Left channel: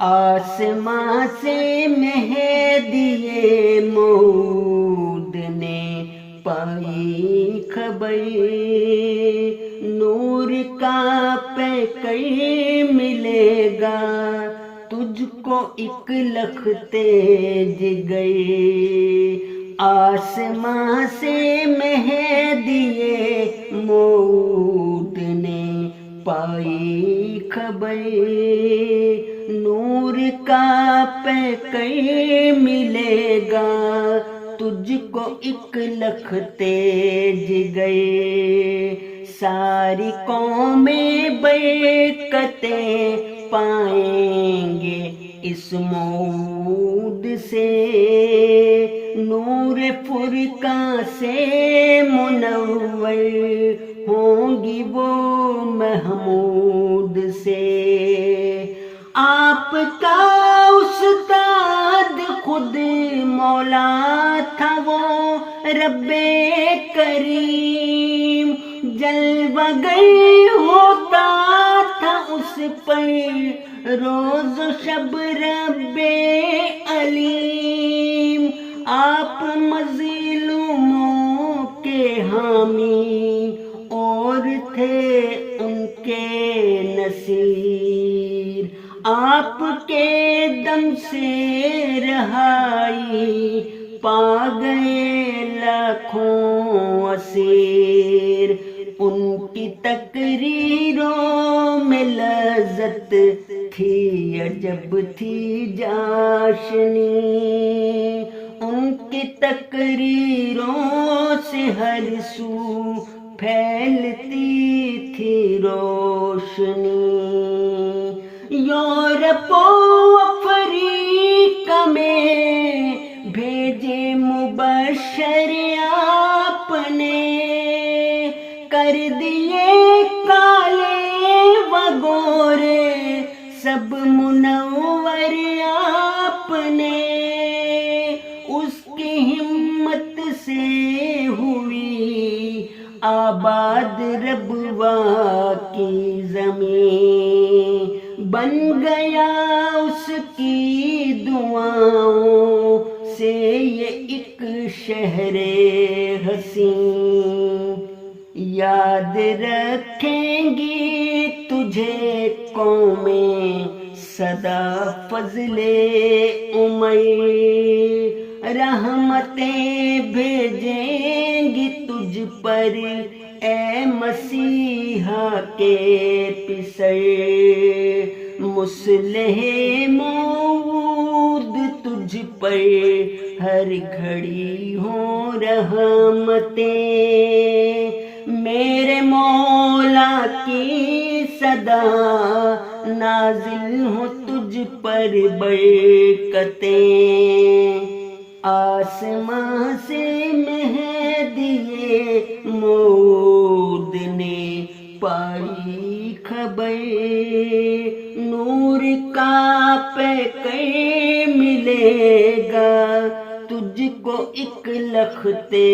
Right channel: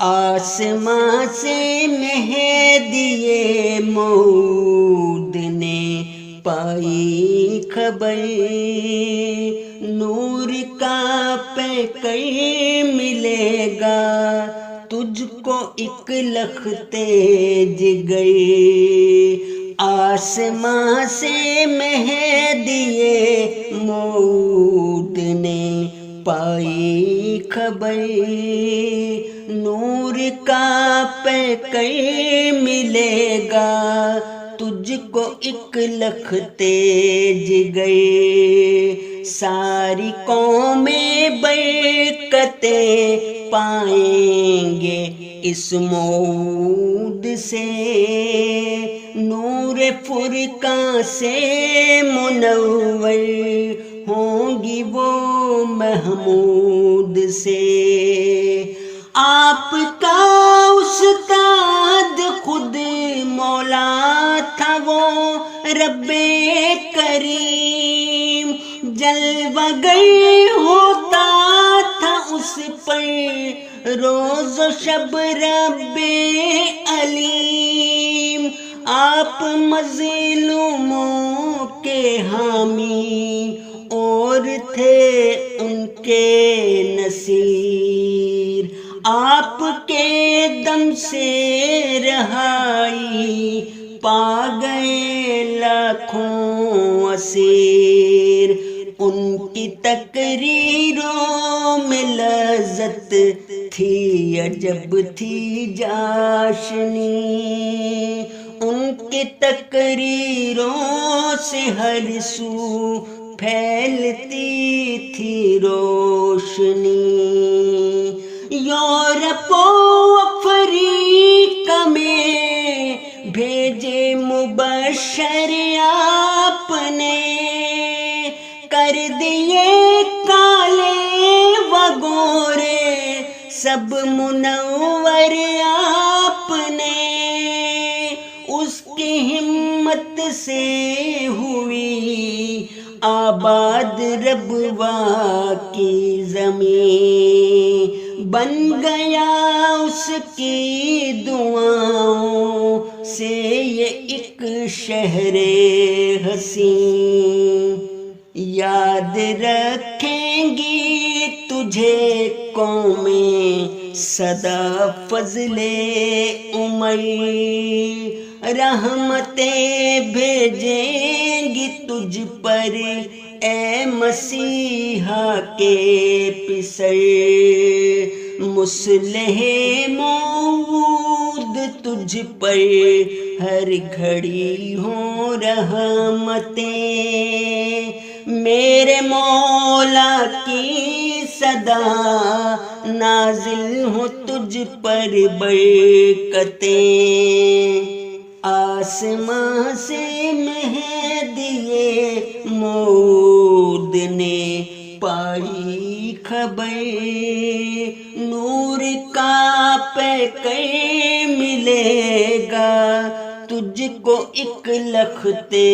آسماں سے مہدی موعود نے پائی خبر، نور کا پیکر ملے گا تجھ کو ایک لختے جگر۔ آسماں سے مہدی موعود نے پائی خبر، نور کا پیکر ملے گا تجھ کو ایک لختے جگر۔ ساری قومیں برکتیں پائیں گے اس موعود سے، نور فرقاں سے منور ہوں گی وہ محمود سے۔ آپ کا استاد خود مولا تھا وہ رب کریم، جلوہ گر ہوتا تھا اس پر روز و شب رب علیم۔ آپ مظلوموں کے حامی اور تھے ان کے نصیر، آپ کے دم سے رہائی پا گئے لاکھوں اسیر۔ ان کی تقریروں میں لذت تھی عجب تھی چاشنی، ان کی تقریروں سے ہر سو پھیلتی تھی روشنی۔ یورپ و افریقہ میں بھیجے مبشر آپ نے، کر دیے کالے و گورے سب منور آپ نے۔ اس کی ہمت سے ہوئی آباد ربوا کی زمین، بن گیا اس کی دعاؤں سے یہ ایک شہر حسین۔ یاد رکھیں گی تجھے قومیں سدا فضل عمر، رحمتیں بھیجیں گی تجھ پر اے مسیحا کے پسر۔ مصلح موعود تجھ پر ہر گھڑی ہوں رحمتیں، میرے مولا کی صدا نازل ہو تجھ پر برکتیں۔ آسماں سے مہدی موعود نے پائی خبر، نور کا پیکر ملے گا تجھ کو ایک لختے